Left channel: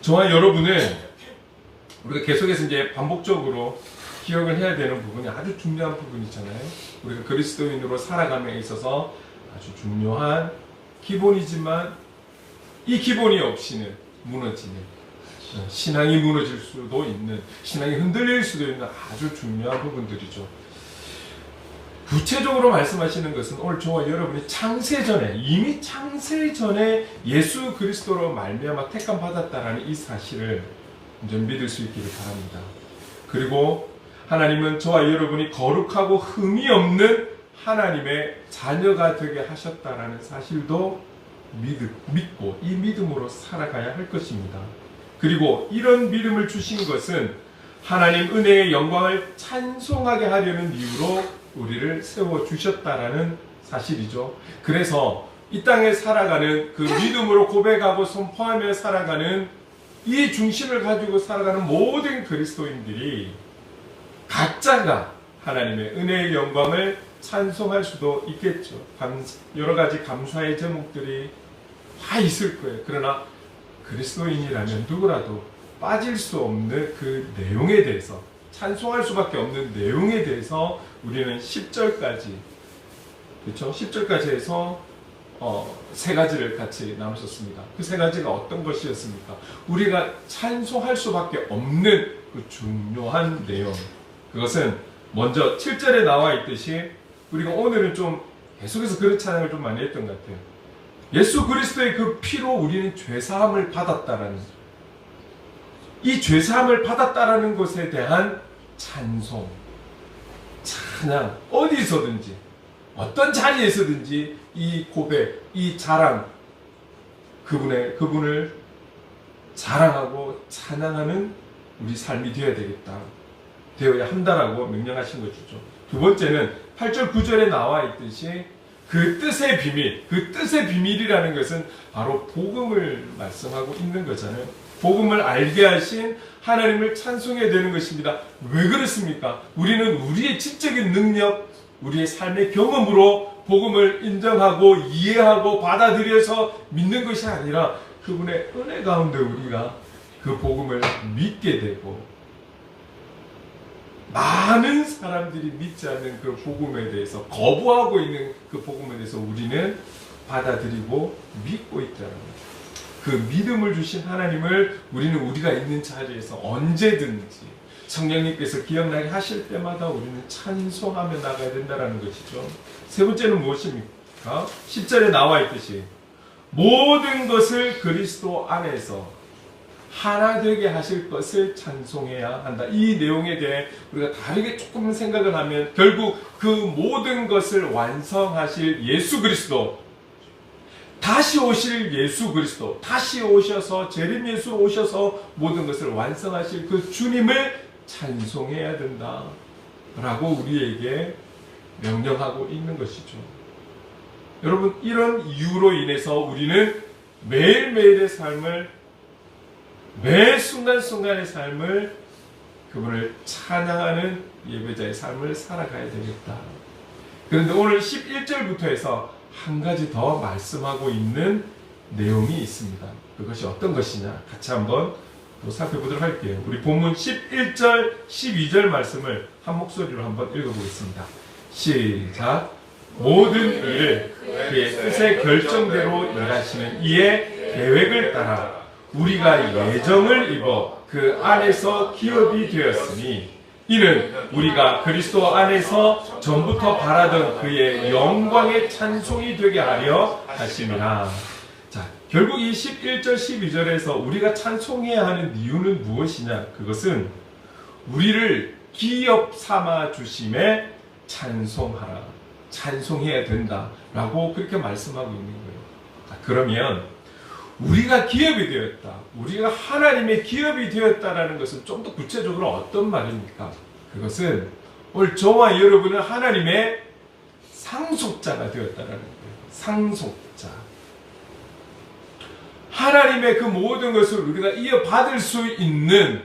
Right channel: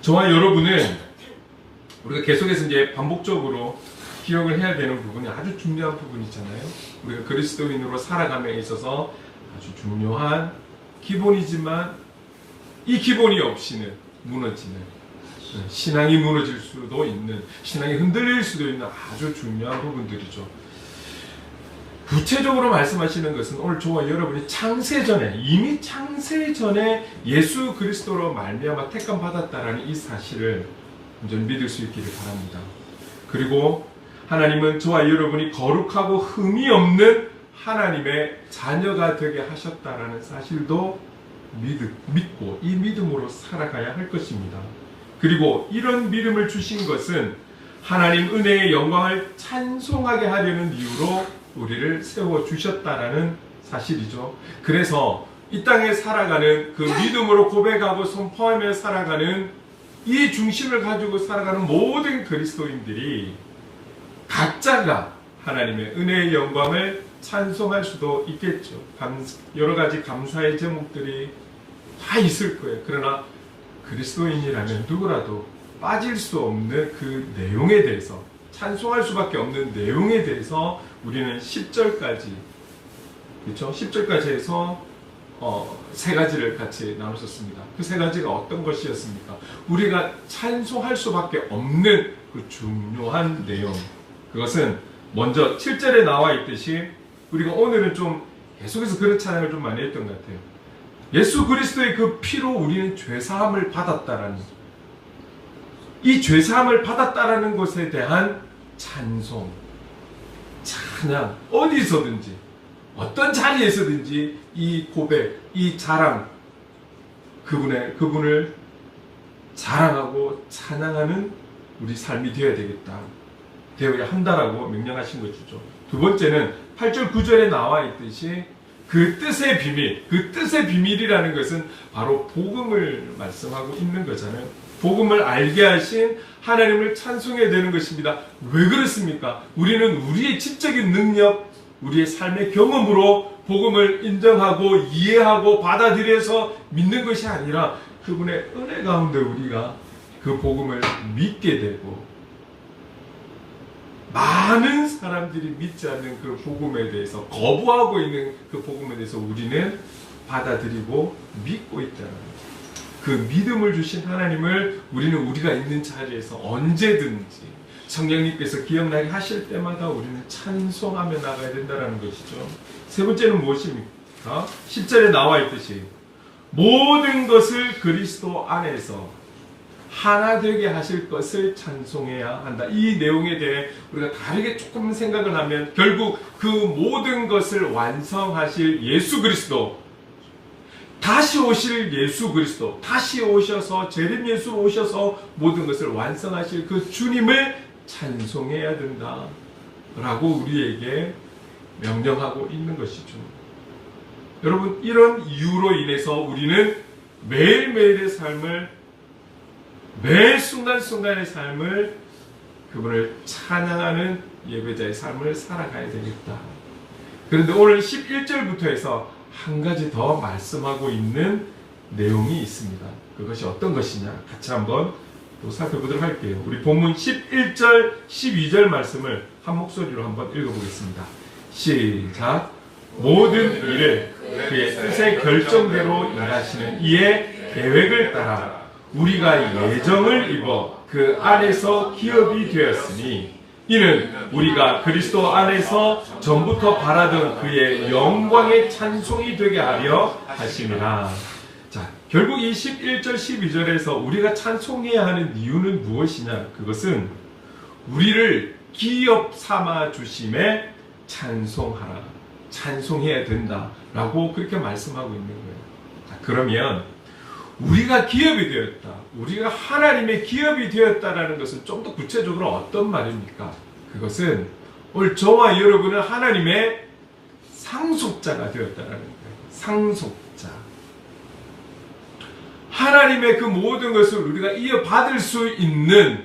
저와 여러분은 우리가 계속해서 이제 반복적으로 기억을 해야 되는 부분이 아주 중요한 부분이잖아요. 우리가 그리스도인으로 살아감에 있어서 아주 중요한 기본이지만 이 기본이 없이는 무너지는, 신앙이 무너질 수도 있는, 신앙이 흔들릴 수도 있는 아주 중요한 부분들이죠. 구체적으로 말씀하시는 것은 오늘 저와 여러분이 이미 창세전에 예수 그리스도로 말미암아 택감 받았다라는 이 사실을 먼저 믿을 수 있기를 바랍니다. 그리고 하나님은 저와 여러분이 거룩하고 흠이 없는 하나님의 자녀가 되게 하셨다라는 사실도 믿고 이 믿음으로 살아가야 할 것입니다. 그리고 이런 믿음을 주신 것은 하나님 은혜의 영광을 찬송하게 하려는 이유로 우리를 세워주셨다라는 사실이죠. 그래서 이 땅에 살아가는 그 믿음으로 고백하고 선포하며 살아가는 이 중심을 가지고 살아가는 모든 그리스도인들이 각자가 하나님의 은혜의 영광을 찬송할 수도 있겠죠. 여러 가지 감사의 제목들이 다 있을 거예요. 그러나 그리스도인이라면 누구라도 빠질 수 없는 그 내용에 대해서, 찬송할 수밖에 없는 내용에 대해서 우리는 10절까지, 그렇죠? 10절까지 해서 세 가지를 같이 나눴었습니다. 그 세 가지가 어떤 것이었습니까? 우리가 찬송할 수밖에 없는 그 중요한 내용. 그것은 먼저 7절에 나와 있듯이 우리가 오늘은 좀 계속해서 그런 찬양을 좀 많이 했던 것 같아요. 예수 그리스도의 그 피로 우리는 죄사함을 받았다라는, 이 죄사함을 받았다라는 것에 대한 찬송, 찬양, 어디서든지 어떤 자리에서든지 이 고백, 이 자랑, 그분을 자랑하고 찬양하는 우리 삶이 되어야 한다라고 명령하신 것이죠. 두 번째는 8절 9절에 나와 있듯이 그 뜻의 비밀이라는 것은 바로 복음을 말씀하고 있는 거잖아요. 복음을 알게 하신 하나님을 찬송해야 되는 것입니다. 왜 그렇습니까? 우리는 우리의 지적인 능력, 우리의 삶의 경험으로 복음을 인정하고 이해하고 받아들여서 믿는 것이 아니라 그분의 은혜 가운데 우리가 그 복음을 믿게 되고, 많은 사람들이 믿지 않는 그 복음에 대해서, 거부하고 있는 그 복음에 대해서 우리는 받아들이고 믿고 있다는 거예요. 그 믿음을 주신 하나님을 우리는 우리가 있는 자리에서 언제든지 성령님께서 기억나게 하실 때마다 우리는 찬송하며 나가야 된다는 것이죠. 세 번째는 무엇입니까? 10절에 나와 있듯이 모든 것을 그리스도 안에서 하나 되게 하실 것을 찬송해야 한다. 이 내용에 대해 우리가 다르게 조금 생각을 하면 결국 그 모든 것을 완성하실 예수 그리스도, 다시 오실 예수 그리스도, 다시 오셔서 재림 예수로 오셔서 모든 것을 완성하실 그 주님을 찬송해야 된다 라고 우리에게 명령하고 있는 것이죠. 여러분, 이런 이유로 인해서 우리는 매일매일의 삶을, 매 순간순간의 삶을 그분을 찬양하는 예배자의 삶을 살아가야 되겠다. 그런데 오늘 11절부터 해서 한 가지 더 말씀하고 있는 내용이 있습니다. 그것이 어떤 것이냐 같이 한번 또 살펴보도록 할게요. 우리 본문 11절, 12절 말씀을 한 목소리로 한번 읽어보겠습니다. 시작. 모든 일을 그의 뜻의 결정대로 일하시는 이의 계획을 따라 우리가 예정을 입어 그 안에서 기업이 되었으니 이는 우리가 그리스도 안에서 전부터 바라던 그의 영광의 찬송이 되게 하려 하심이라. 자, 결국 이 11절 12절에서 우리가 찬송해야 하는 이유는 무엇이냐? 그것은 우리를 기업 삼아 주심에 찬송하라, 찬송해야 된다라고 그렇게 말씀하고 있는 거예요. 자, 그러면 우리가 기업이 되었다, 우리가 하나님의 기업이 되었다라는 것은 좀 더 구체적으로 어떤 말입니까? 그것은 오늘 저와 여러분은 하나님의 상속자가 되었다라는 거예요. 상속자. 하나님의 그 모든 것을 우리가 이어받을 수 있는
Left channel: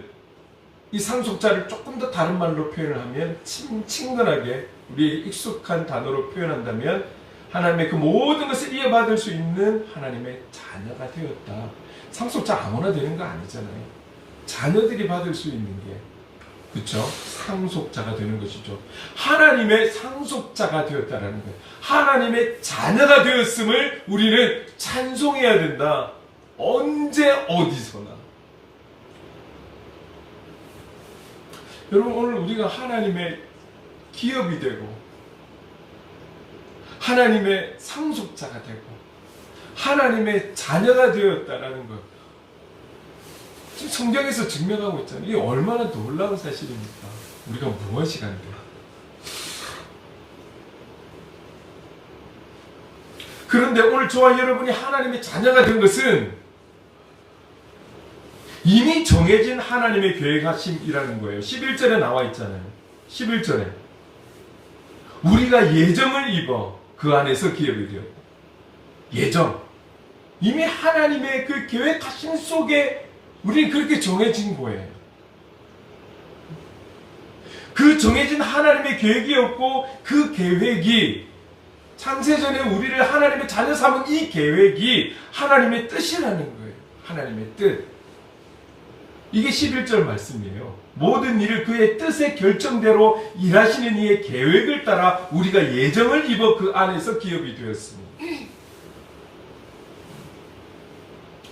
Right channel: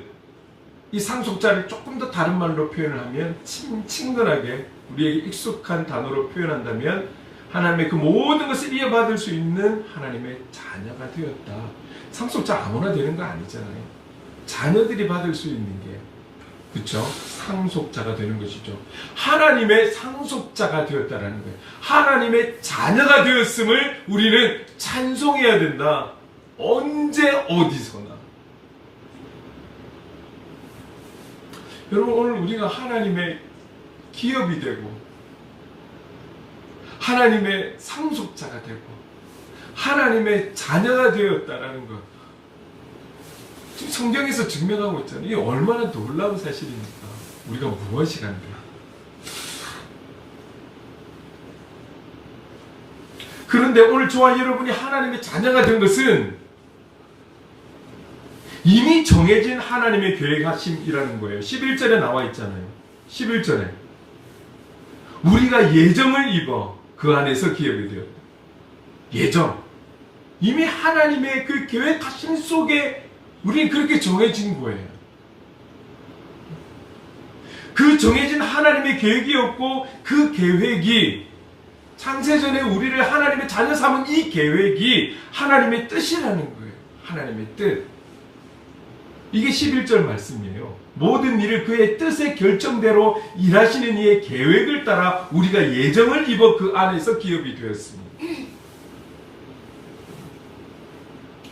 이 상속자를 조금 더 다른 말로 표현을 하면, 친근하게 우리에게 익숙한 단어로 표현한다면 하나님의 그 모든 것을 이어받을 수 있는 하나님의 자녀가 되었다. 상속자 아무나 되는 거 아니잖아요. 자녀들이 받을 수 있는 게, 그렇죠? 상속자가 되는 것이죠. 하나님의 상속자가 되었다라는 거예요. 하나님의 자녀가 되었음을 우리는 찬송해야 된다. 언제 어디서나. 여러분, 오늘 우리가 하나님의 기업이 되고 하나님의 상속자가 되고 하나님의 자녀가 되었다라는 것, 지금 성경에서 증명하고 있잖아요. 이게 얼마나 놀라운 사실입니까? 우리가 무엇이 간대요? 그런데 오늘 저와 여러분이 하나님의 자녀가 된 것은 이미 정해진 하나님의 계획하심이라는 거예요. 11절에 나와 있잖아요. 11절에 우리가 예정을 입어 그 안에서 기업이 되었다. 예정. 이미 하나님의 그 계획하심 속에 우리는 그렇게 정해진 거예요. 그 정해진 하나님의 계획이었고, 그 계획이 창세전에 우리를 하나님의 자녀 삼은 이 계획이 하나님의 뜻이라는 거예요. 하나님의 뜻. 이게 11절 말씀이에요. 모든 일을 그의 뜻의 결정대로 일하시는 이의 계획을 따라 우리가 예정을 입어 그 안에서 기업이 되었으니.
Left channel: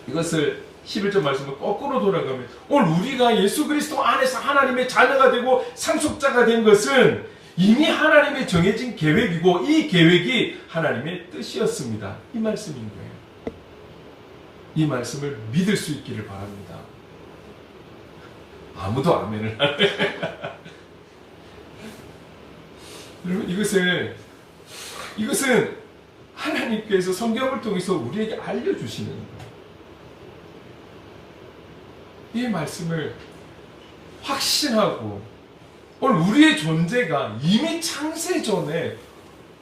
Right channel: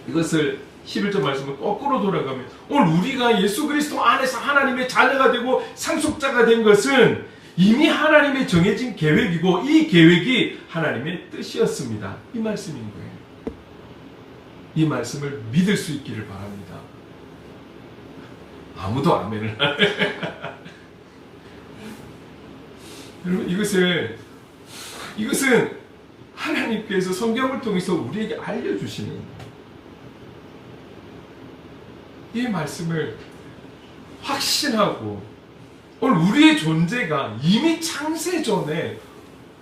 이것을 11절 말씀을 거꾸로 돌아가면 오늘 우리가 예수 그리스도 안에서 하나님의 자녀가 되고 상속자가 된 것은 이미 하나님의 정해진 계획이고 이 계획이 하나님의 뜻이었습니다. 이 말씀인 거예요. 이 말씀을 믿을 수 있기를 바랍니다. 아무도 아멘을 안 해. 여러분, 이것은 하나님께서 성경을 통해서 우리에게 알려주시는 거예요. 이 말씀을 확신하고 오늘 우리의 존재가 이미 창세 전에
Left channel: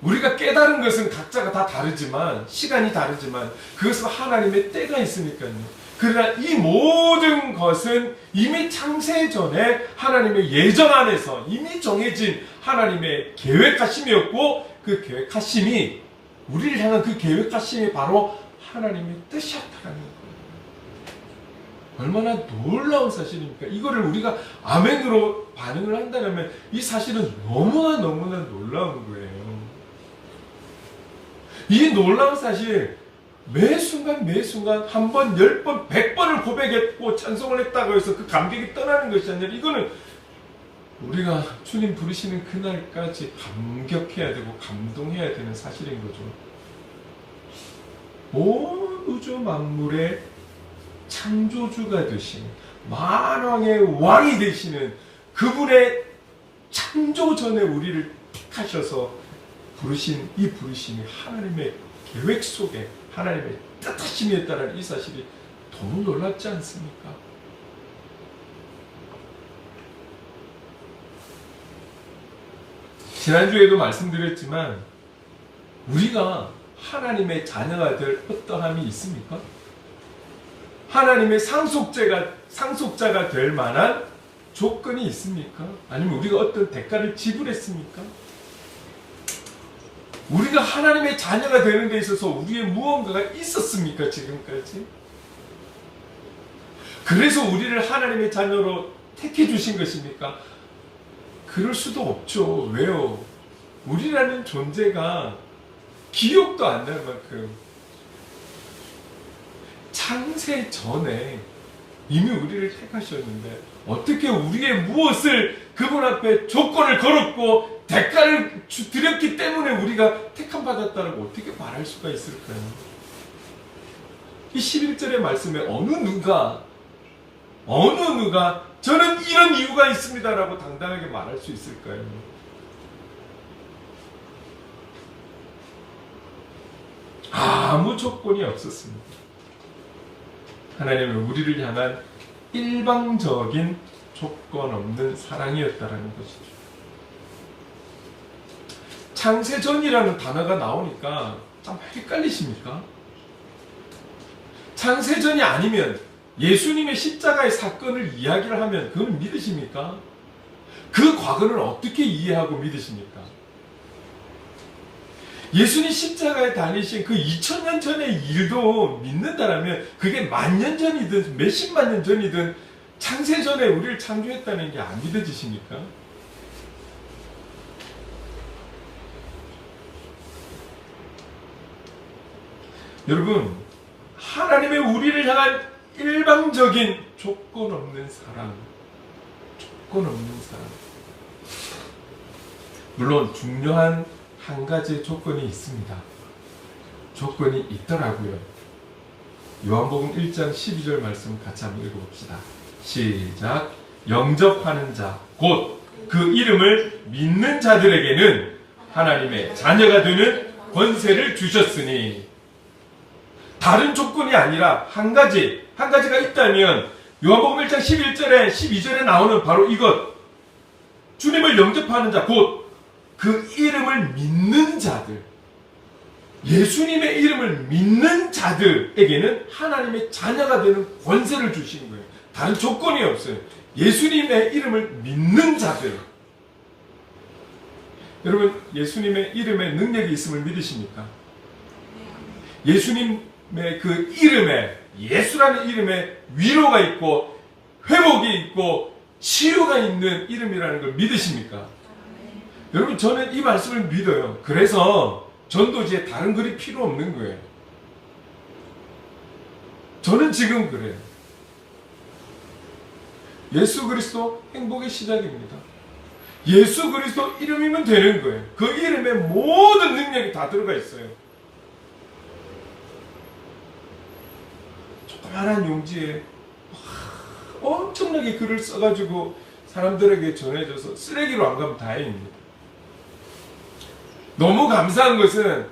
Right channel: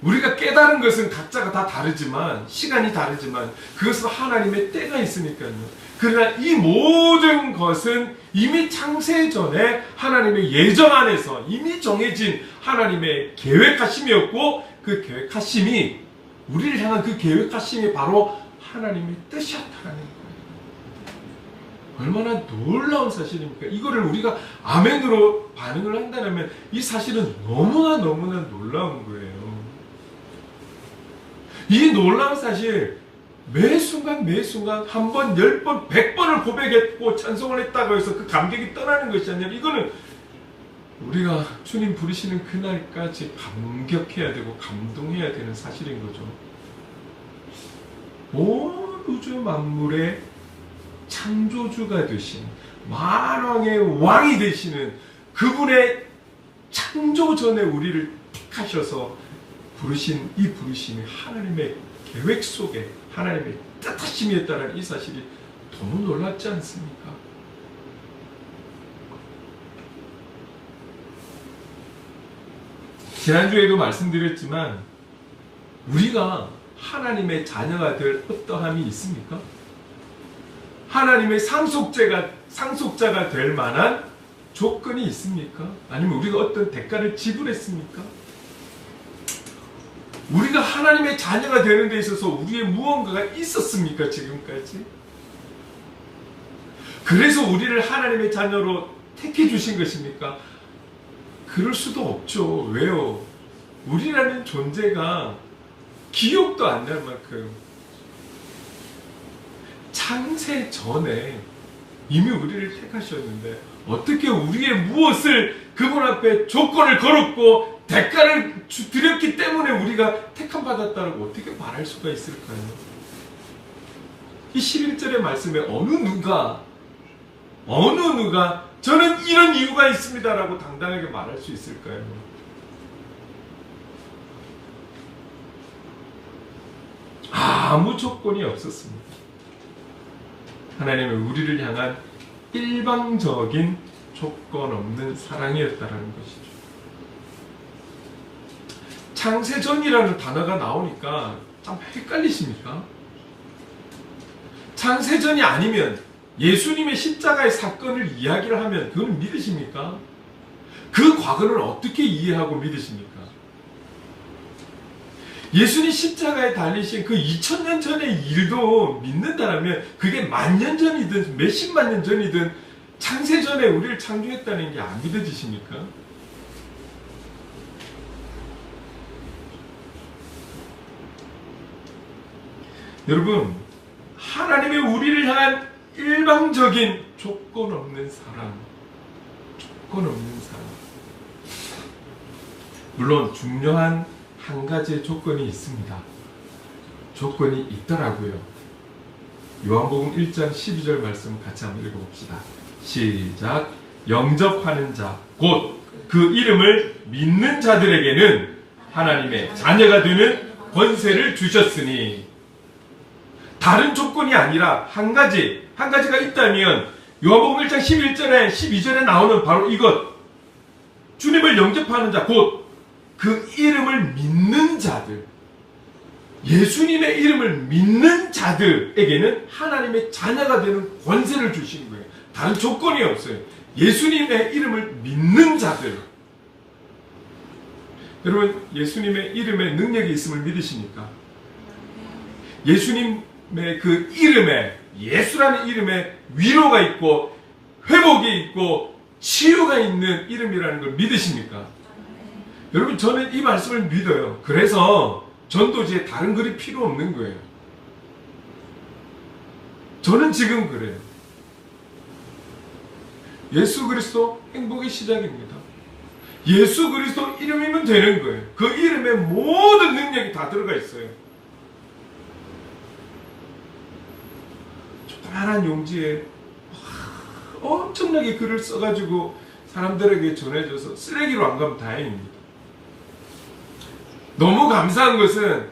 우리가 깨달은 것은 각자가 다 다르지만 시간이 다르지만 그것은 하나님의 때가 있으니까요. 그러나 이 모든 것은 이미 창세 전에 하나님의 예정 안에서 이미 정해진 하나님의 계획하심이었고 그 계획하심이 우리를 향한 그 계획하심이 바로 하나님의 뜻이었다는 거예요. 얼마나 놀라운 사실입니까? 이거를 우리가 아멘으로 반응을 한다면 이 사실은 너무나 놀라운 거예요. 이 놀라운 사실 매 순간 한 번, 10번, 100번을 고백했고 찬송을 했다고 해서 그 감격이 떠나는 것이 아니라 이거는 우리가 주님 부르시는 그날까지 감격해야 되고 감동해야 되는 사실인 거죠. 온 우주 만물의 창조주가 되신 만왕의 왕이 되시는 그분의 창조 전에 우리를 택하셔서 부르신 이 부르심이 하나님의 계획 속에 하나님의 뜻하심이었다는 이 사실이 너무 놀랍지 않습니까? 지난주에도 말씀드렸지만 우리가 하나님의 자녀가 될 어떠함이 있습니까? 하나님의 상속자가 될 만한 조건이 있습니까? 아니면 우리가 어떤 대가를 지불했습니까? 우리가 하나님의 자녀가 되는 데 있어서 우리의 무언가가 있었습니까? 지금까지? 그래서 우리를 하나님의 자녀로 택해 주신 것입니까? 그럴 수도 없죠. 왜요? 우리라는 존재가 기억도 안 날 만큼 창세 전에 이미 우리를 택하셨는데 어떻게 우리의 무엇을 그분 앞에 조건을 걸었고 대가를 드렸기 때문에 우리가 택함 받았다라고 어떻게 말할 수가 있을까요? 이 11절의 말씀에 어느 누가 저는 이런 이유가 있습니다라고 당당하게 말할 수 있을까요? 아무 조건이 없었습니다. 하나님은 우리를 향한 일방적인 조건 없는 사랑이었다라는 것이죠. 창세전이라는 단어가 나오니까 참 헷갈리십니까? 창세전이 아니면 예수님의 십자가의 사건을 이야기를 하면 그건 믿으십니까? 그 과거를 어떻게 이해하고 믿으십니까? 예수님 십자가에 달리신 그 2000년 전의 일도 믿는다라면 그게 1000년 전이든 몇십만 년 전이든 창세전에 우리를 창조했다는 게 안 믿어지십니까? 여러분, 하나님의 우리를 향한 일방적인 조건 없는 사랑, 조건 없는 사랑. 물론 중요한 한 가지의 조건이 있습니다. 조건이 있더라고요. 요한복음 1장 12절 말씀 같이 한번 읽어봅시다. 시작. 영접하는 자, 곧 그 이름을 믿는 자들에게는 하나님의 자녀가 되는 권세를 주셨으니, 다른 조건이 아니라 한 가지가 있다면 요한복음 1장 11절에 12절에 나오는 바로 이것, 주님을 영접하는 자, 곧 그 이름을 믿는 자들, 예수님의 이름을 믿는 자들에게는 하나님의 자녀가 되는 권세를 주신 거예요. 다른 조건이 없어요. 예수님의 이름을 믿는 자들. 여러분, 예수님의 이름에 능력이 있음을 믿으십니까? 예수님의 그 이름에, 예수라는 이름에 위로가 있고 회복이 있고 치유가 있는 이름이라는 걸 믿으십니까? 여러분, 저는 이 말씀을 믿어요. 그래서 전도지에 다른 글이 필요 없는 거예요. 저는 지금 그래요. 예수 그리스도 행복의 시작입니다. 예수 그리스도 이름이면 되는 거예요. 그 이름에 모든 능력이 다 들어가 있어요. 조그만한 용지에 엄청나게 글을 써가지고 사람들에게 전해줘서 쓰레기로 안 가면 다행입니다. 너무 감사한 것은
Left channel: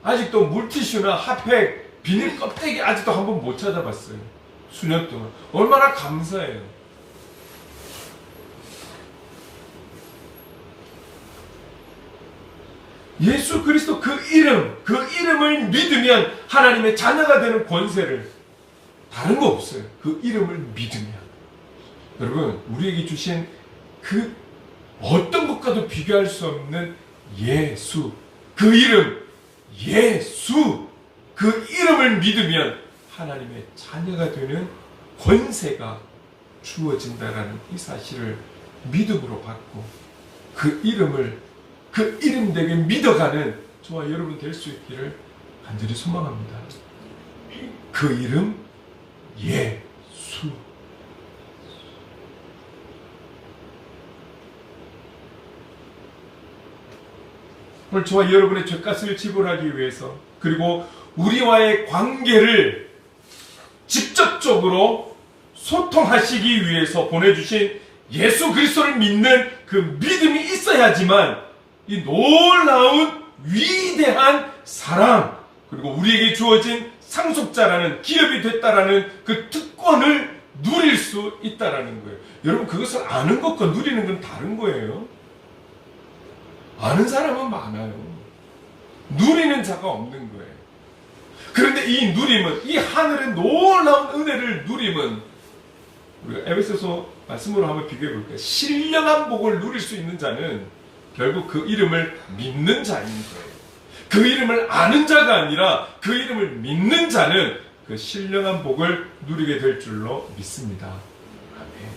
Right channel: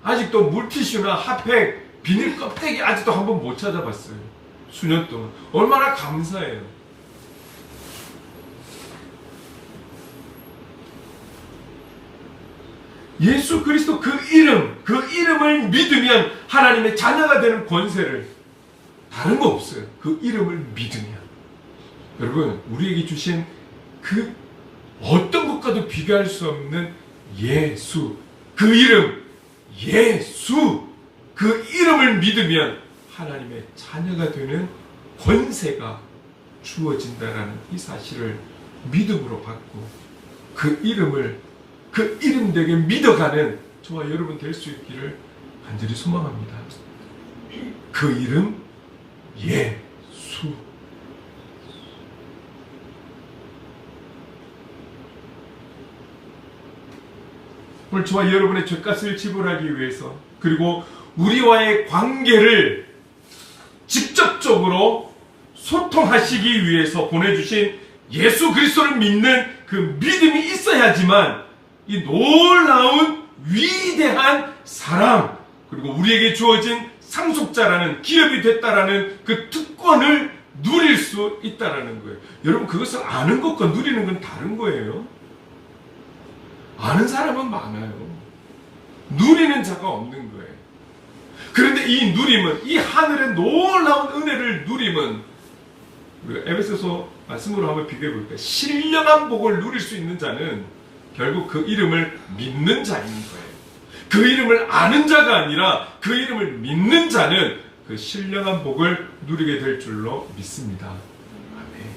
아직도 물티슈나 핫팩, 비닐 껍데기 아직도 한번 못 찾아봤어요. 수년 동안. 얼마나 감사해요. 예수 그리스도 그 이름을 믿으면 하나님의 자녀가 되는 권세를, 다른 거 없어요. 그 이름을 믿으면. 여러분, 우리에게 주신 그 어떤 것과도 비교할 수 없는 예수, 그 이름, 예수, 그 이름을 믿으면 하나님의 자녀가 되는 권세가 주어진다라는 이 사실을 믿음으로 받고 그 이름을, 그 이름되게 믿어가는 저와 여러분 될 수 있기를 간절히 소망합니다. 그 이름 예수. 오늘 저와 여러분의 죄값을 지불하기 위해서, 그리고 우리와의 관계를 직접적으로 소통하시기 위해서 보내주신 예수 그리스도를 믿는 그 믿음이 있어야지만 이 놀라운 위대한 사랑, 그리고 우리에게 주어진 상속자라는, 기업이 됐다라는 그 특권을 누릴 수 있다라는 거예요. 여러분, 그것을 아는 것과 누리는 건 다른 거예요. 아는 사람은 많아요. 누리는 자가 없는 거예요. 그런데 이 누림은, 이 하늘의 놀라운 은혜를 누림은, 우리가 에베소서 말씀으로 한번 비교해 볼까요? 신령한 복을 누릴 수 있는 자는 결국 그 이름을 믿는 자인 거예요. 그 이름을 아는 자가 아니라 그 이름을 믿는 자는 그 신령한 복을 누리게 될 줄로 믿습니다. 아멘.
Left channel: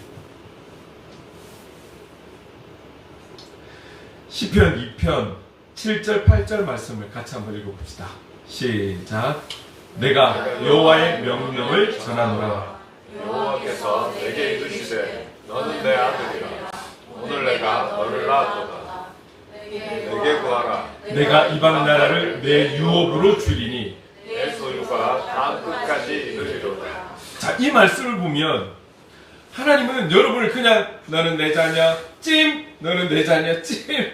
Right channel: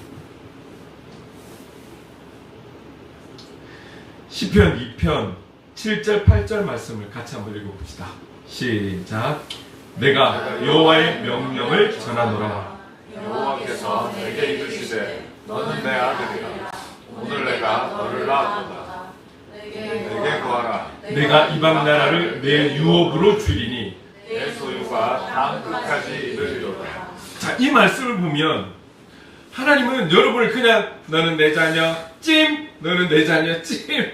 시편 2편 7절 8절 말씀을 같이 한번 읽어봅시다. 시작. 내가 여호와의 명령을 전하노라. 여호와께서 내게 이르시되 너는 내 아들이라. 오늘 내가 너를 낳았도다. 내게 구하라. 내가 이방 나라를 내 유업으로 주리니. 내 소유가 땅 끝까지 이르리로다. 자, 이 말씀을 보면 하나님은 여러분을 그냥 너는 내 자녀 찜, 너는 내 자녀 찜,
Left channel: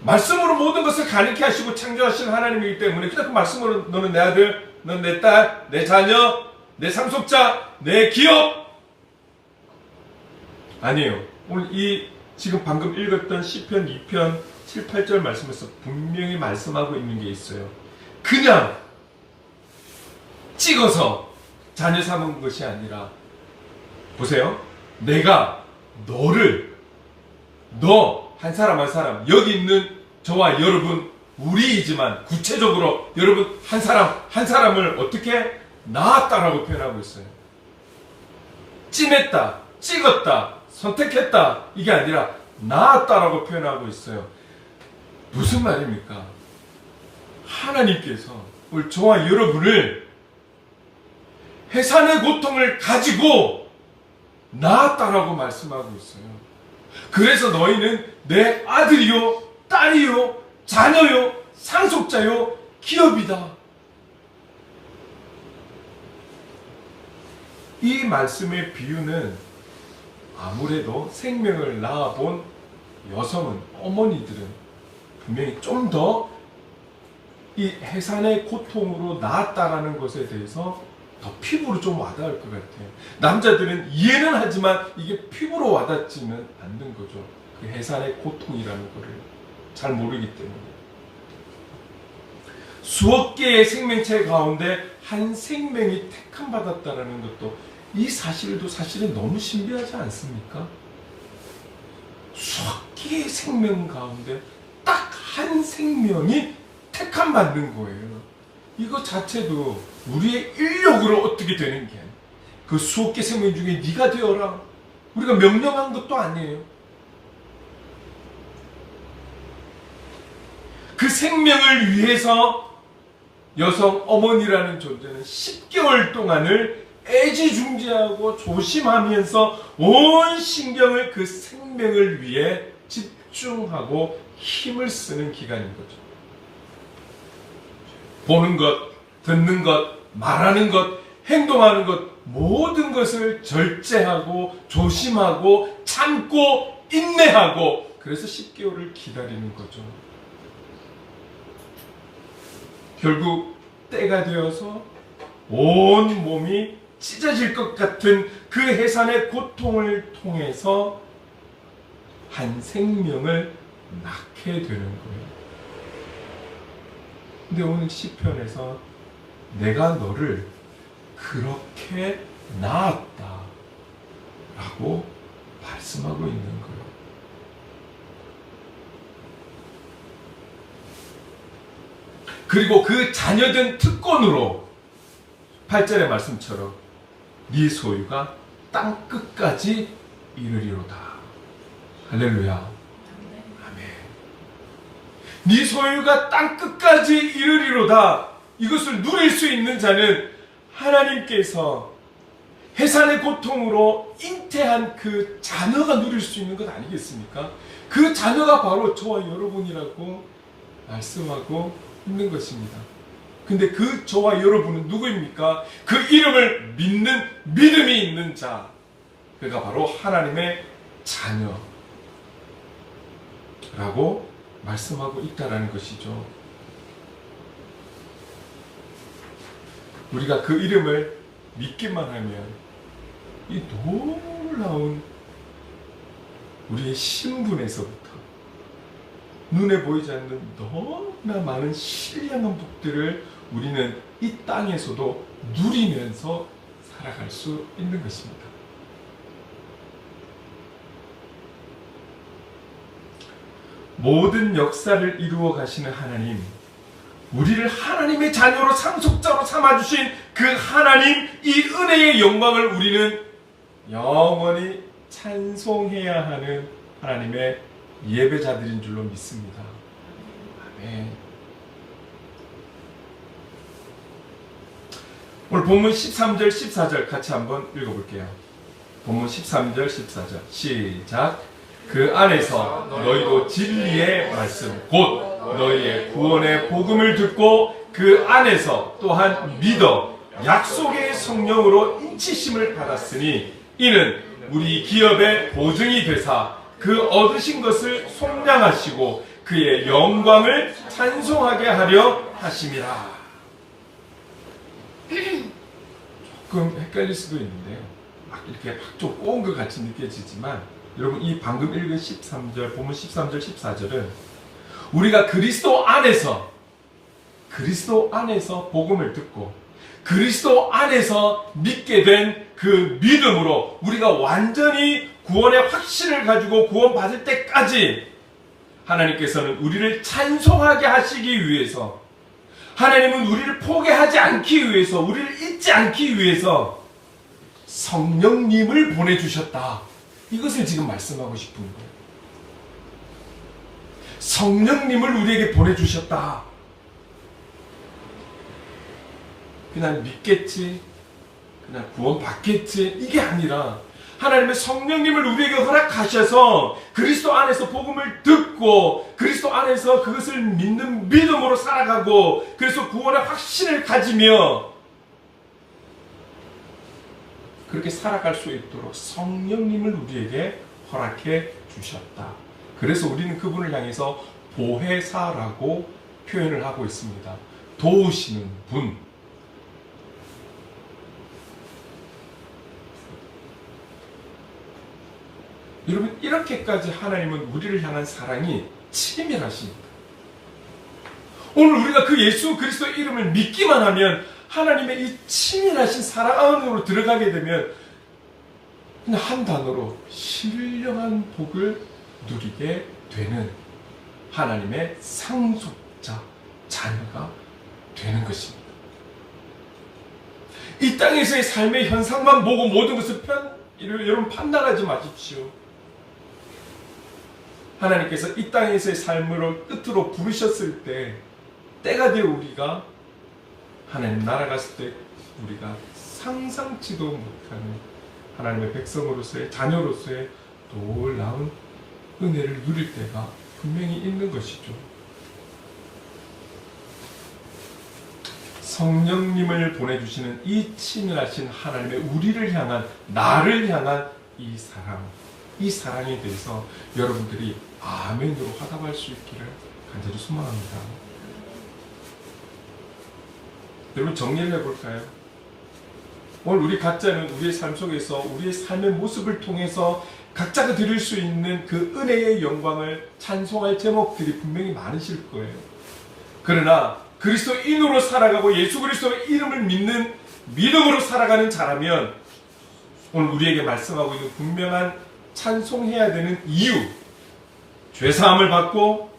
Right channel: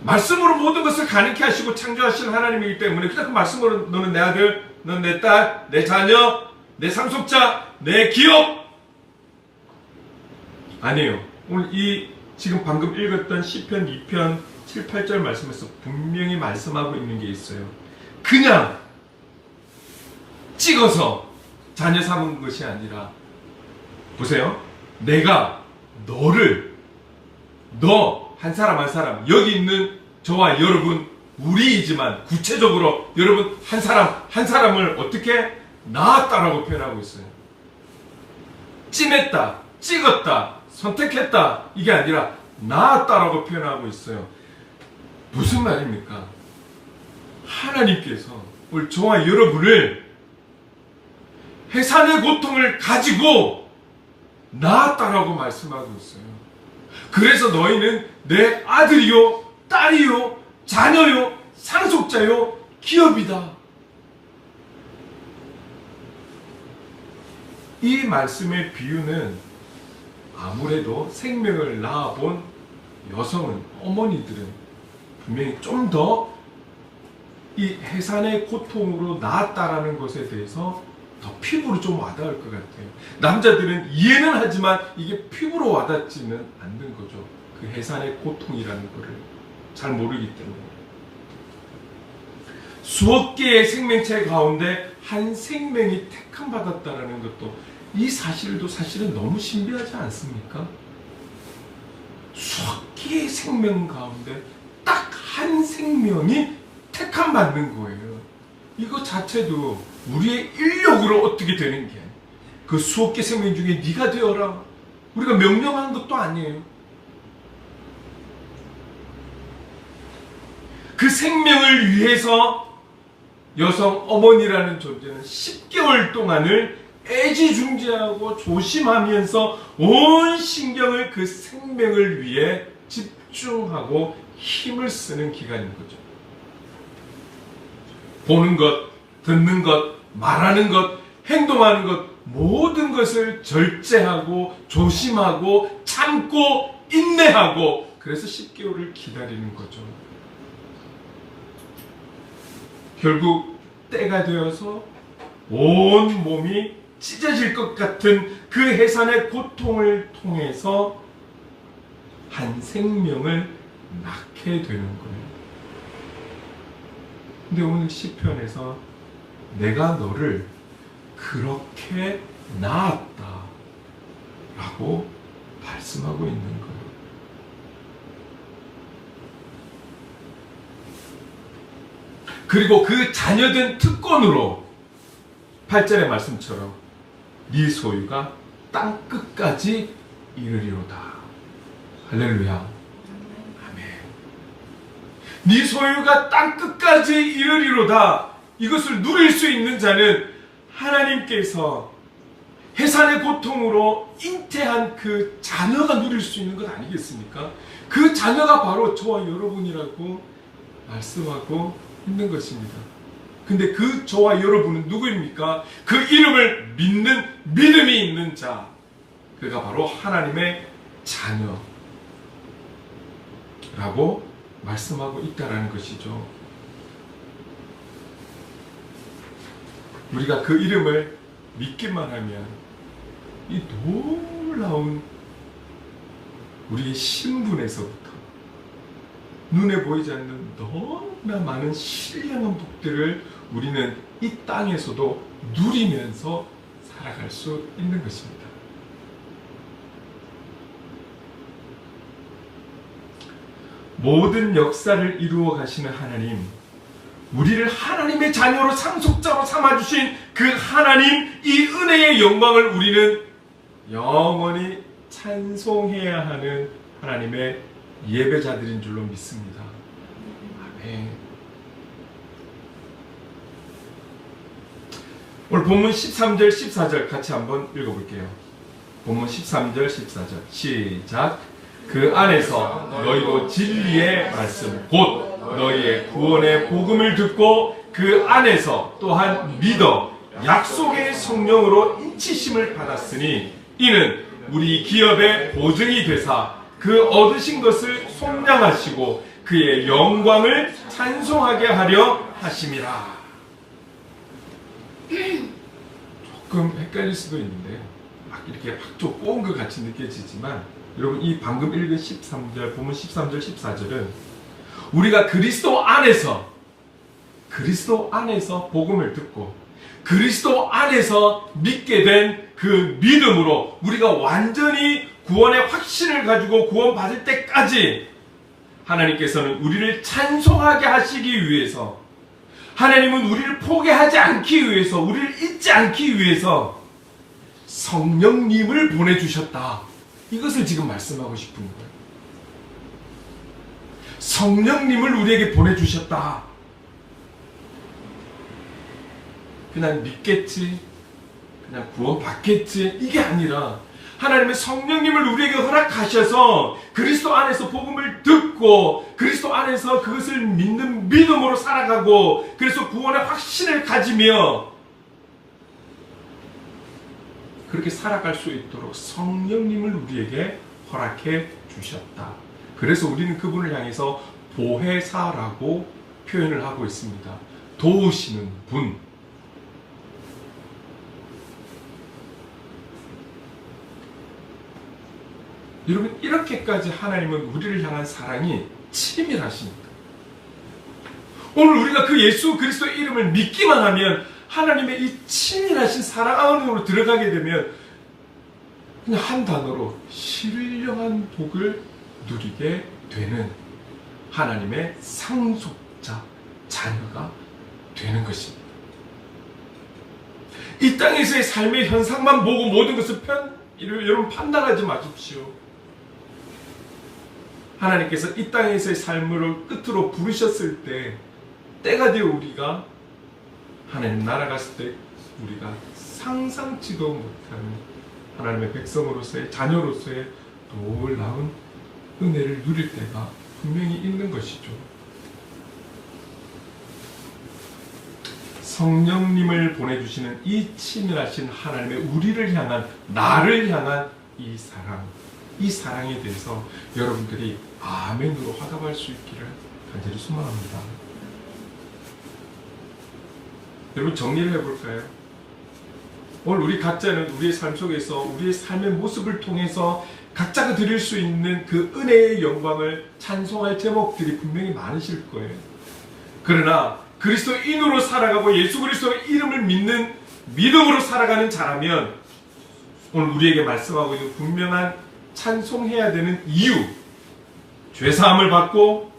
말씀으로 모든 것을 가능케 하시고 창조하신 하나님이기 때문에 그냥 그 말씀으로 너는 내 아들, 너는 내 딸, 내 자녀, 내 상속자, 내 기업, 아니에요. 오늘 이 지금 방금 읽었던 시편 2편 7, 8절 말씀에서 분명히 말씀하고 있는 게 있어요. 그냥 찍어서 자녀 삼은 것이 아니라, 보세요. 내가 너를, 너 한 사람 한 사람, 여기 있는 저와 여러분 우리이지만 구체적으로 여러분 한 사람 한 사람을 어떻게 낳았다라고 표현하고 있어요. 찜했다, 찍었다, 선택했다 이게 아니라 낳았다라고 표현하고 있어요. 무슨 말입니까? 하나님께서 오늘 저와 여러분을 해산의 고통을 가지고 낳았다라고 말씀하고 있어요. 그래서 너희는 내 아들이요, 딸이요, 자녀요, 상속자요, 기업이다. 이 말씀의 비유는 아무래도 생명을 낳아본 여성은, 어머니들은 분명히 좀 더 이 해산의 고통으로 낳았다라는 것에 대해서 더 피부로 좀 와닿을 것 같아요. 남자들은 이해는 하지만 이게 피부로 와닿지는 않는 거죠. 그 해산의 고통이라는 거를 잘 모르기 때문에. 수억 개의 생명체 가운데 한 생명이 택함받았다라는 것도, 이 사실도 사실은 너무 신비하지 않습니까? 수억 개의 생명 가운데 딱 한 생명이 택함받는 거예요. 이거 자체도 우리의 인력으로 어떻게 되는 게, 그 수억 개 생명 중에 네가 되어라, 우리가 명령한 것도 아니에요. 그 생명을 위해서 여성 어머니라는 존재는 10개월 동안을 애지중지하고 조심하면서 온 신경을 그 생명을 위해 집중하고 힘을 쓰는 기간인 거죠. 보는 것, 듣는 것, 말하는 것, 행동하는 것, 모든 것을 절제하고 조심하고 참고 인내하고, 그래서 10개월을 기다리는 거죠. 결국 때가 되어서 온 몸이 찢어질 것 같은 그 해산의 고통을 통해서 한 생명을 낳게 되는 거예요. 근데 오늘 시편에서 내가 너를 그렇게 낳았다 라고 말씀하고 있는 거예요. 그리고 그 자녀된 특권으로 8절의 말씀처럼 네 소유가 땅 끝까지 이르리로다. 할렐루야. 아멘. 네 소유가 땅 끝까지 이르리로다. 이것을 누릴 수 있는 자는 하나님께서 해산의 고통으로 잉태한 그 자녀가 누릴 수 있는 것 아니겠습니까? 그 자녀가 바로 저와 여러분이라고 말씀하고 있는 것입니다. 근데 그 저와 여러분은 누구입니까? 그 이름을 믿는 믿음이 있는 자, 그가 바로 하나님의 자녀라고 말씀하고 있다라는 것이죠. 우리가 그 이름을 믿기만 하면 이 놀라운 우리의 신분에서부터 눈에 보이지 않는 너무나 많은 신령한 복들을 우리는 이 땅에서도 누리면서 살아갈 수 있는 것입니다. 모든 역사를 이루어 가시는 하나님, 우리를 하나님의 자녀로 상속자로 삼아주신 그 하나님, 이 은혜의 영광을 우리는 영원히 찬송해야 하는 하나님의 예배자들인 줄로 믿습니다. 아멘. 오늘 본문 13절, 14절 같이 한번 읽어볼게요. 본문 13절, 14절 시작. 그 안에서 너희도 진리의 말씀 곧 너희의 구원의 복음을 듣고 그 안에서 또한 믿어 약속의 성령으로 인치심을 받았으니 이는 우리 기업의 보증이 되사 그 얻으신 것을 속량하시고 그의 영광을 찬송하게 하려 하심이라. 조금 헷갈릴 수도 있는데요. 막 이렇게 좀 꼬은 것 같이 느껴지지만 여러분, 이 방금 읽은 13절, 본문 13절, 14절은 우리가 그리스도 안에서 복음을 듣고 그리스도 안에서 믿게 된 그 믿음으로 우리가 완전히 구원의 확신을 가지고 구원받을 때까지 하나님께서는 우리를 찬송하게 하시기 위해서, 하나님은 우리를 포기하지 않기 위해서, 우리를 잊지 않기 위해서 성령님을 보내주셨다. 이것을 지금 말씀하고 싶은 거예요. 성령님을 우리에게 보내주셨다. 그냥 믿겠지, 그냥 구원받겠지, 이게 아니라 하나님의 성령님을 우리에게 허락하셔서 그리스도 안에서 복음을 듣고 그리스도 안에서 그것을 믿는 믿음으로 살아가고 그래서 구원의 확신을 가지며 그렇게 살아갈 수 있도록 성령님을 우리에게 허락해 주셨다. 그래서 우리는 그분을 향해서 보혜사라고 표현을 하고 있습니다. 도우시는 분. 여러분, 이렇게까지 하나님은 우리를 향한 사랑이 치밀하십니다. 오늘 우리가 그 예수 그리스도의 이름을 믿기만 하면 하나님의 이 치밀하신 사랑 안으로 들어가게 되면 그냥 한 단어로 신령한 복을 누리게 되는 하나님의 상속자, 자녀가 되는 것입니다. 이 땅에서의 삶의 현상만 보고 모든 것을 여러분 판단하지 마십시오. 하나님께서 이 땅에서의 삶을 끝으로 부르셨을 때, 때가 되어 우리가 하나님 나라 갔을 때 우리가 상상치도 못하는 하나님의 백성으로서의 자녀로서의 놀라운 은혜를 누릴 때가 분명히 있는 것이죠. 성령님을 보내주시는 이 치밀하신 하나님의 우리를 향한, 나를 향한 이 사랑에 대해서 여러분들이 아멘으로 화답할 수 있기를 간절히 소망합니다. 여러분, 정리를 해볼까요? 오늘 우리 각자는 우리의 삶 속에서 우리의 삶의 모습을 통해서 각자가 드릴 수 있는 그 은혜의 영광을 찬송할 제목들이 분명히 많으실 거예요. 그러나 그리스도인으로 살아가고 예수 그리스도의 이름을 믿는 믿음으로 살아가는 자라면 오늘 우리에게 말씀하고 있는 분명한 찬송해야 되는 이유, 죄사함을 받고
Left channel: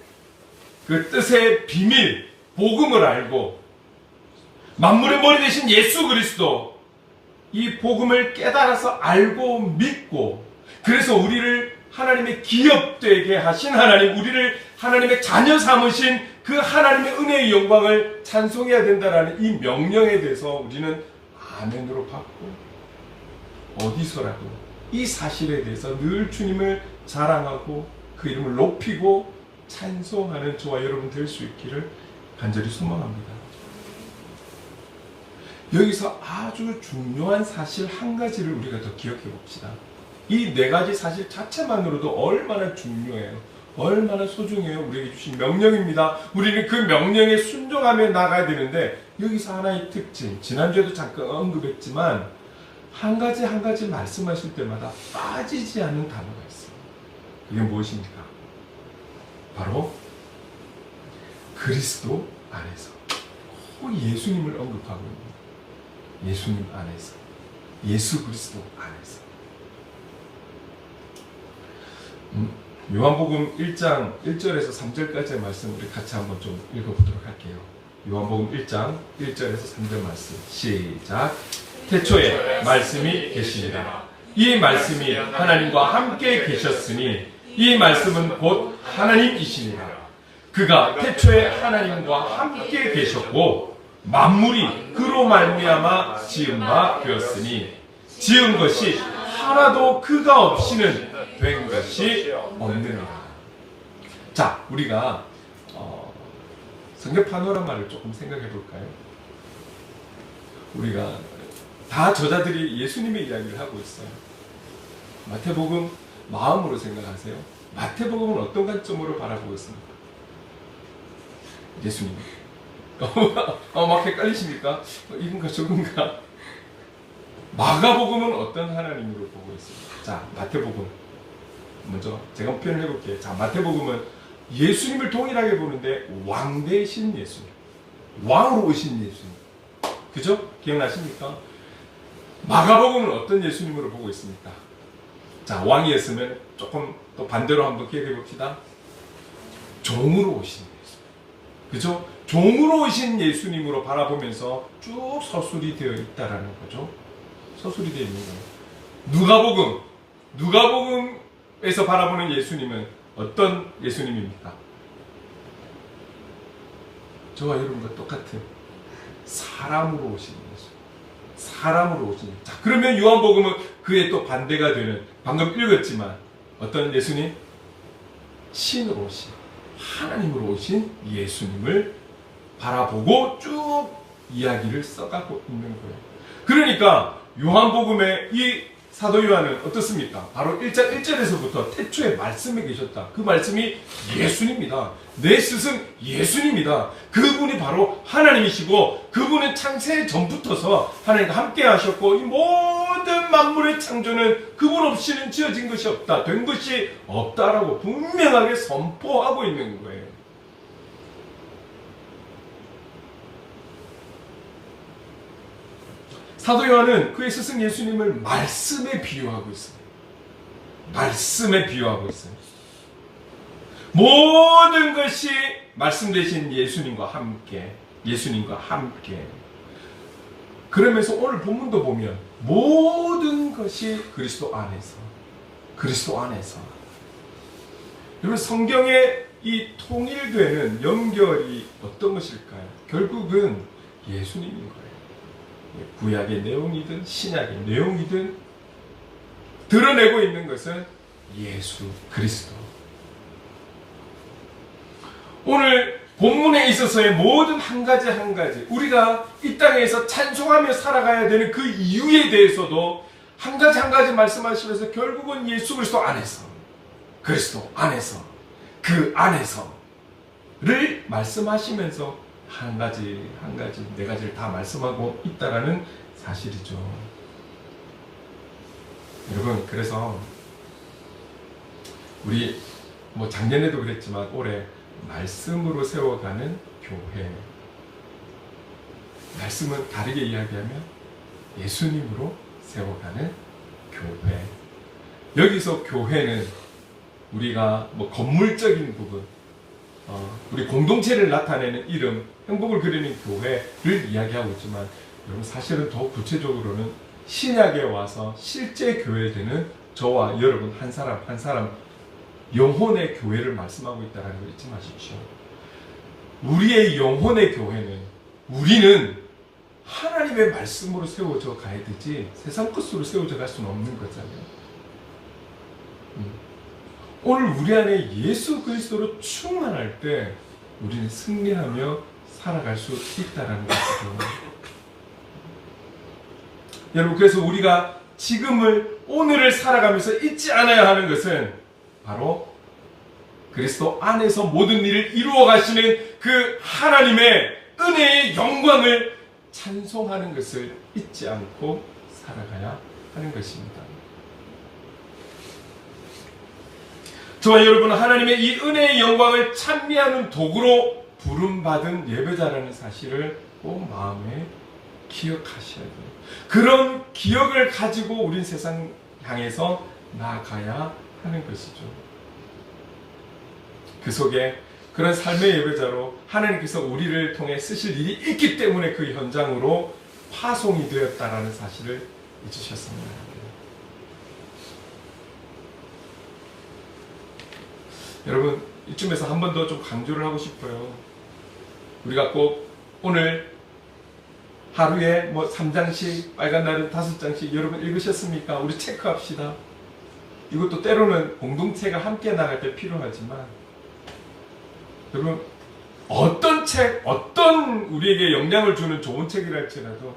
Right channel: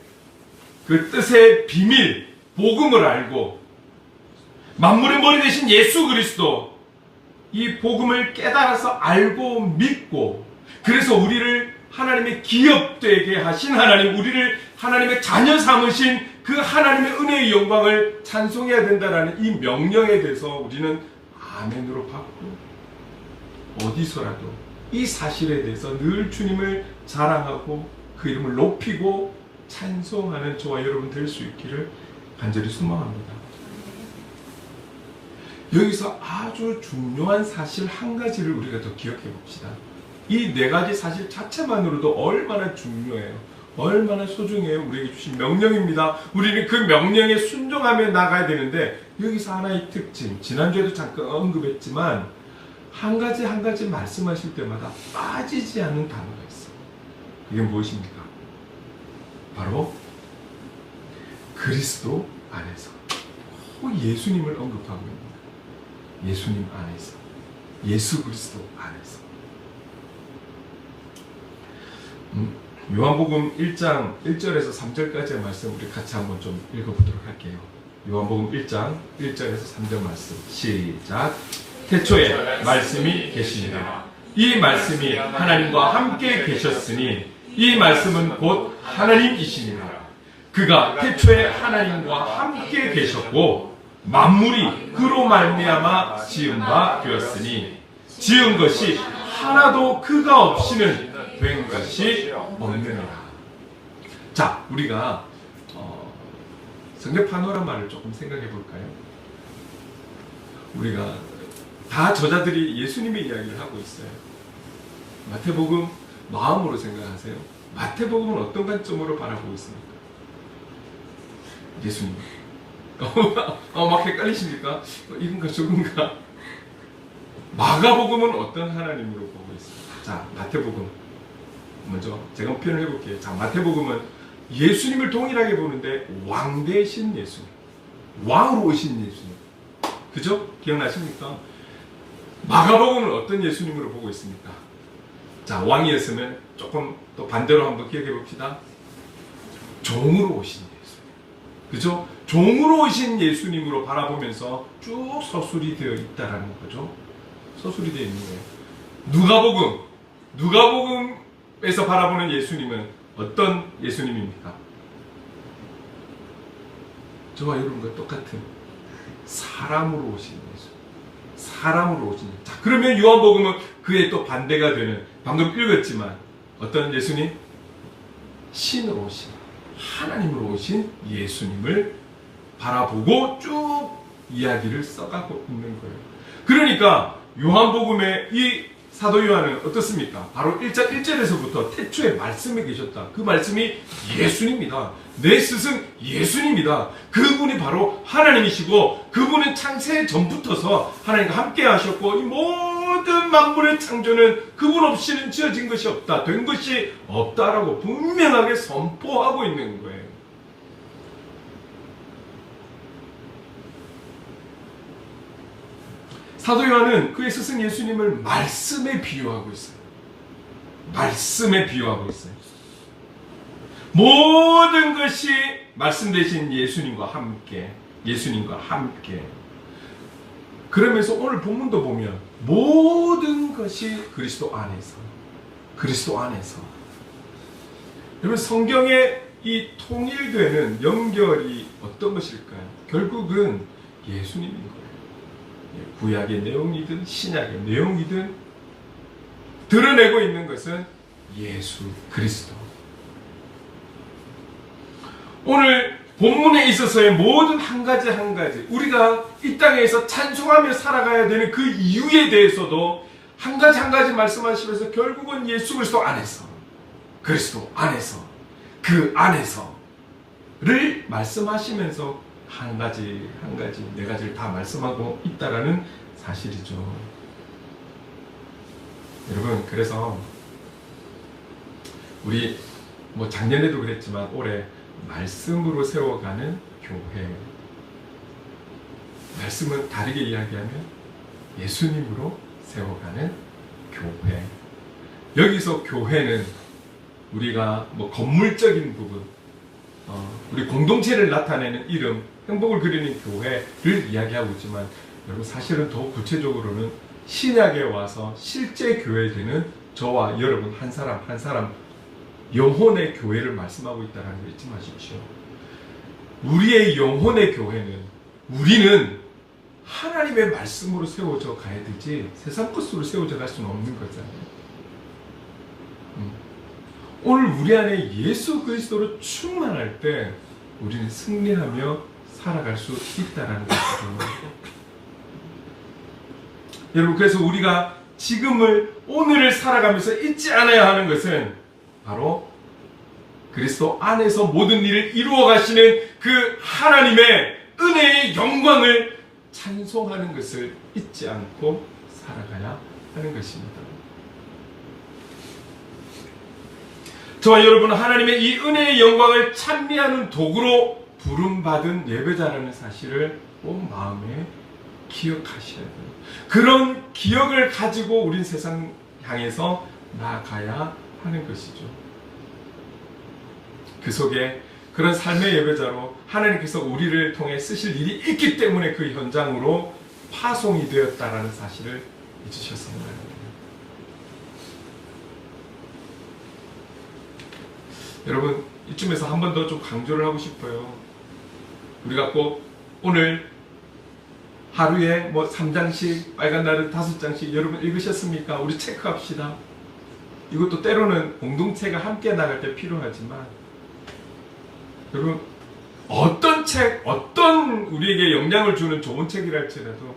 그 뜻의 비밀, 복음을 알고 만물의 머리 되신 예수 그리스도, 이 복음을 깨달아서 알고 믿고 그래서 우리를 하나님의 기업되게 하신 하나님, 우리를 하나님의 자녀 삼으신 그 하나님의 은혜의 영광을 찬송해야 된다라는 이 명령에 대해서 우리는 아멘으로 받고 어디서라도 이 사실에 대해서 늘 주님을 자랑하고 그 이름을 높이고 찬송하는 저와 여러분 될 수 있기를 간절히 소망합니다. 여기서 아주 중요한 사실 한 가지를 우리가 더 기억해 봅시다. 이 네 가지 사실 자체만으로도 얼마나 중요해요. 얼마나 소중해요. 우리에게 주신 명령입니다. 우리는 그 명령에 순종하며 나가야 되는데 여기서 하나의 특징, 지난주에도 잠깐 언급했지만 한 가지 한 가지 말씀하실 때마다 빠지지 않는 단어가 있어요. 그게 무엇입니까? 바로 그리스도 안에서. 꼭 예수님을 언급하고 있는 거예요. 예수님 안에서, 예수 그리스도 안에서. 요한복음 1장 1절에서 3절까지의 말씀 우리 같이 한번 좀 읽어보도록 할게요. 요한복음 1장 1절에서 3절 말씀 시작. 태초에 말씀이 계시니라. 이 말씀이 하나님과 함께 계셨으니 이 말씀은 곧 하나님이시니라. 그가 태초에 하나님과 함께 계셨고 만물이 그로 말미암아 지은 바 되었으니 지은 것이 하나도 그가 없이는 된 것이 없느니라. 자, 우리가 성경 파노라마를 조금 생각해 볼까요? 우리가 다 저자들이 예수님의 이야기를 하고 있어요. 마태복음 마음으로 생각하세요. 마태복음은 어떤 관점으로 바라보고 있습니까? 예수님. 막 헷갈리십니까? 이건가 저건가? 마가복음은 어떤 하나님으로 보고 있습니까? 자, 마태복음 먼저 제가 표현을 해볼게요. 자, 마태복음은 예수님을 동일하게 보는데 왕 대신 예수님, 왕으로 오신 예수님, 그죠? 기억나십니까? 마가복음은 어떤 예수님으로 보고 있습니까? 자, 왕이었으면 조금 또 반대로 한번 기억해 봅시다. 종으로 오신 예수. 그죠? 종으로 오신 예수님으로 바라보면서 쭉 서술이 되어 있다라는 거죠. 서술이 되어 있는 거예요. 누가복음에서 바라보는 예수님은 어떤 예수님입니까? 저와 여러분과 똑같은 사람으로 오신 예수. 사람으로 오신 예수. 자, 그러면 요한복음은 그에 또 반대가 되는, 방금 읽었지만 어떤 예수님? 신으로 오신, 하나님으로 오신 예수님을 바라보고 쭉 이야기를 써가고 있는 거예요. 그러니까 요한복음의 이 사도 요한은 어떻습니까? 바로 1장 1절에서부터 태초에 말씀이 계셨다. 그 말씀이 예수님입니다. 내 스승 예수님입니다. 그분이 바로 하나님이시고 그분은 창세 전부터서 하나님과 함께 하셨고 이 모든 만물의 창조는 그분 없이는 지어진 것이 없다. 된 것이 없다라고 분명하게 선포하고 있는 거예요. 사도 요한은 그의 스승 예수님을 말씀에 비유하고 있어요. 말씀에 비유하고 있어요. 모든 것이 말씀 되신 예수님과 함께, 예수님과 함께. 그러면서 오늘 본문도 보면 모든 것이 그리스도 안에서, 그리스도 안에서. 여러분 성경에 이 통일되는 연결이 어떤 것일까요? 결국은 예수님인 거예요. 구약의 내용이든 신약의 내용이든 드러내고 있는 것은 예수 그리스도. 오늘 본문에 있어서의 모든 한 가지 한 가지 우리가 이 땅에서 찬송하며 살아가야 되는 그 이유에 대해서도 한 가지 말씀하시면서 결국은 예수 그리스도 안에서, 그리스도 안에서, 그 안에서를 말씀하시면서 한 가지, 네 가지를 다 말씀하고 있다라는 사실이죠. 여러분, 그래서 우리 작년에도 그랬지만 올해 말씀으로 세워가는 교회. 말씀은 다르게 이야기하면 예수님으로 세워가는 교회. 여기서 교회는 우리가 건물적인 부분, 우리 공동체를 나타내는 이름, 행복을 그리는 교회를 이야기하고 있지만 여러분 사실은 더 구체적으로는 신약에 와서 실제 교회되는 저와 여러분 한 사람 한 사람 영혼의 교회를 말씀하고 있다는 걸 잊지 마십시오. 우리의 영혼의 교회는 우리는 하나님의 말씀으로 세워져 가야 되지 세상 것으로 세워져 갈 수는 없는 거잖아요. 오늘 우리 안에 예수 그리스도로 충만할 때 우리는 승리하며 살아갈 수 있다는 것이죠. 여러분 그래서 우리가 지금을 오늘을 살아가면서 잊지 않아야 하는 것은 바로 그리스도 안에서 모든 일을 이루어 가시는 그 하나님의 은혜의 영광을 찬송하는 것을 잊지 않고 살아가야 하는 것입니다. 저와 여러분은 하나님의 이 은혜의 영광을 찬미하는 도구로 부름받은 예배자라는 사실을 꼭 마음에 기억하셔야 돼요. 그런 기억을 가지고 우린 세상 향해서 나아가야 하는 것이죠. 그 속에 그런 삶의 예배자로 하나님께서 우리를 통해 쓰실 일이 있기 때문에 그 현장으로 파송이 되었다라는 사실을 잊으셨으면 합니다. 여러분 이쯤에서 한 번 더 좀 강조를 하고 싶어요. 우리가 꼭 오늘 하루에 3장씩 빨간 날은 5장씩 여러분 읽으셨습니까? 우리 체크합시다. 이것도 때로는 공동체가 함께 나갈 때 필요하지만 여러분 어떤 책, 어떤 우리에게 영향을 주는 좋은 책이라 할지라도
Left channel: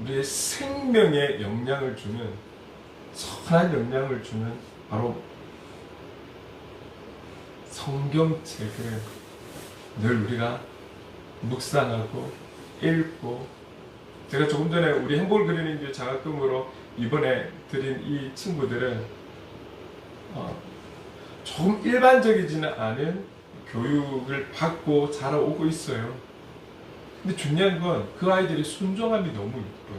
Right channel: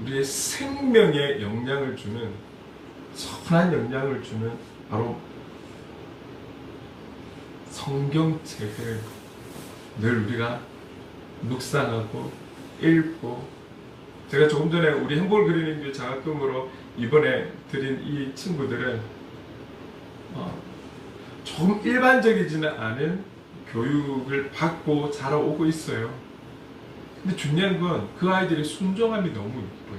우리의 생명에 영향을 주는 선한 영향을 주는 바로 성경책을 늘 우리가 묵상하고 읽고 제가 조금 전에 우리 행복을 그리는 길 장학금으로 이번에 드린 이 친구들은 조금 일반적이지는 않은 교육을 받고 자라오고 있어요. 근데 중요한 건 그 아이들의 순종함이 너무 이뻐요.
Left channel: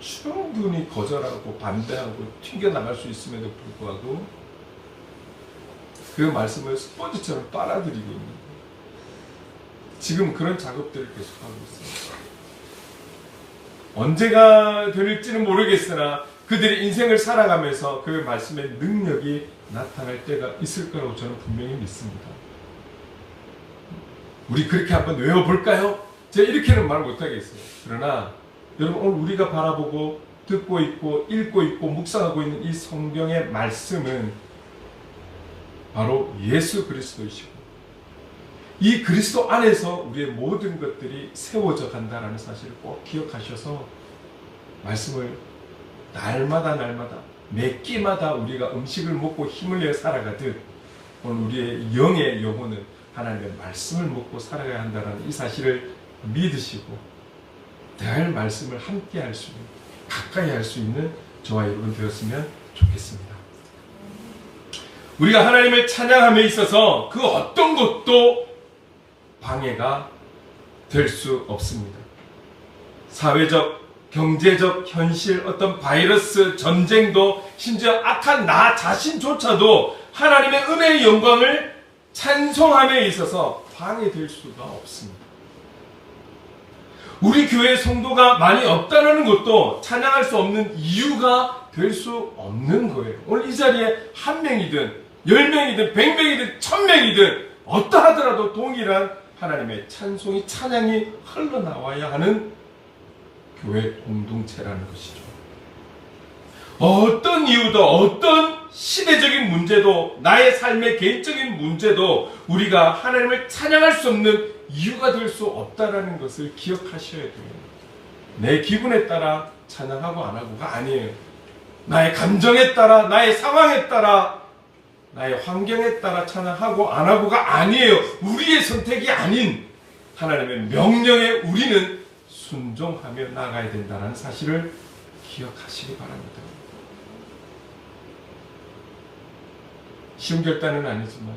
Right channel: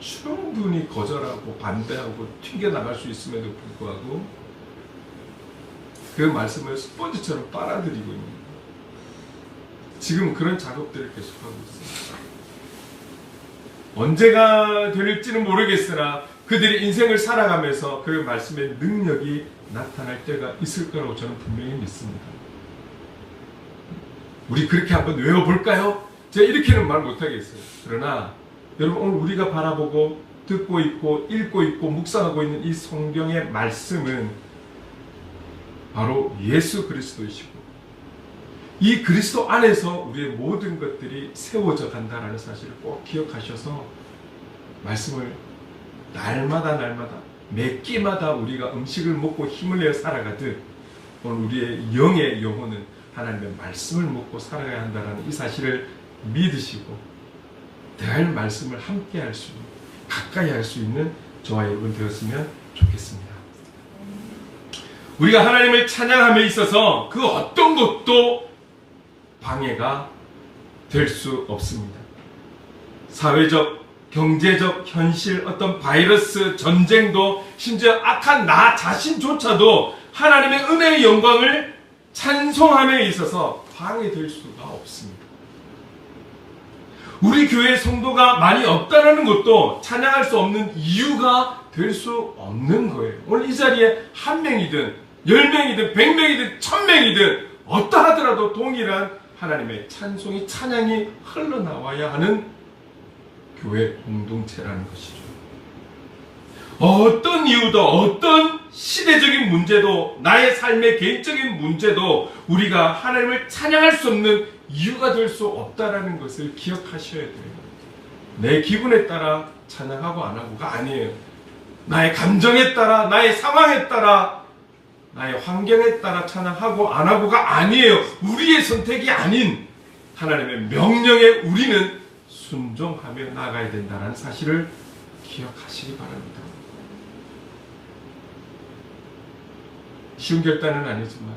충분히 거절하고 반대하고 튕겨나갈 수 있음에도 불구하고 그 말씀을 스펀지처럼 빨아들이고 있는 거예요. 지금 그런 작업들을 계속하고 있어요. 언제가 될지는 모르겠으나 그들이 인생을 살아가면서 그 말씀의 능력이 나타날 때가 있을 거라고 저는 분명히 믿습니다. 우리 그렇게 한번 외워볼까요? 제가 이렇게는 말 못하겠어요. 그러나 여러분, 오늘 우리가 바라보고 듣고 있고 읽고 있고 묵상하고 있는 이 성경의 말씀은 바로 예수 그리스도이시고 이 그리스도 안에서 우리의 모든 것들이 세워져 간다라는 사실을 꼭 기억하셔서 말씀을 날마다 매 끼마다 우리가 음식을 먹고 힘을 내어 살아가듯 오늘 우리의 영의 영혼은 하나님의 말씀을 먹고 살아가야 한다는 이 사실을 믿으시고 늘 말씀을 함께 할 수 있는, 가까이 할 수 있는 저와 여러분 되었으면 좋겠습니다. 우리가 하나님을 찬양함에 있어서 그 어떤 것도 방해가 될 수 없습니다. 사회적, 경제적 현실, 어떤 바이러스, 전쟁도, 심지어 악한 나 자신조차도 하나님의 은혜의 영광을 찬송함에 있어서 방해될 수가 없습니다. 우리 교회 성도가 많이 없다는 것도 찬양할 수 없는 이유가 될 수 없는 거예요. 오늘 이 자리에 한 명이든 10명이든 100명이든 1000명이든 어떠하더라도 동일한 하나님의 찬송이, 찬양이 흘러나와야 하는 교회 공동체라는 것이죠. 어떤 이유도, 어떤 시대적인 문제도, 나의 삶의 개인적인 문제도 우리가 하나님을 찬양할 수 없는 이유가 될 수 없다는 것을 기억하셔야 돼요. 내 기분에 따라 찬양하고 안 하고가 아니에요. 나의 감정에 따라, 나의 상황에 따라, 나의 환경에 따라 찬양하고 안 하고가 아니에요. 우리의 선택이 아닌 하나님의 명령에 우리는 순종하며 나아가야 된다는 사실을 기억하시기 바랍니다. 쉬운 결단은 아니지만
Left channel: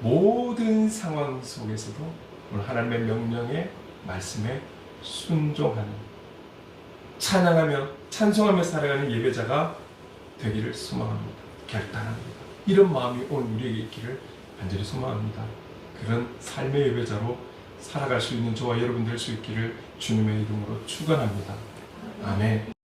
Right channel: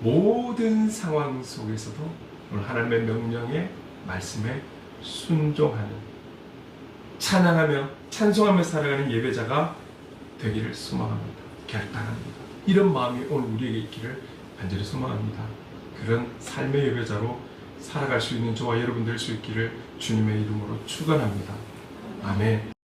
모든 상황 속에서도 오늘 하나님의 명령에, 말씀에 순종하는, 찬양하며 찬송하며 살아가는 예배자가 되기를 소망합니다. 결단합니다. 이런 마음이 오늘 우리에게 있기를 간절히 소망합니다. 그런 삶의 예배자로 살아갈 수 있는 저와 여러분 될 수 있기를 주님의 이름으로 축원합니다. 아멘.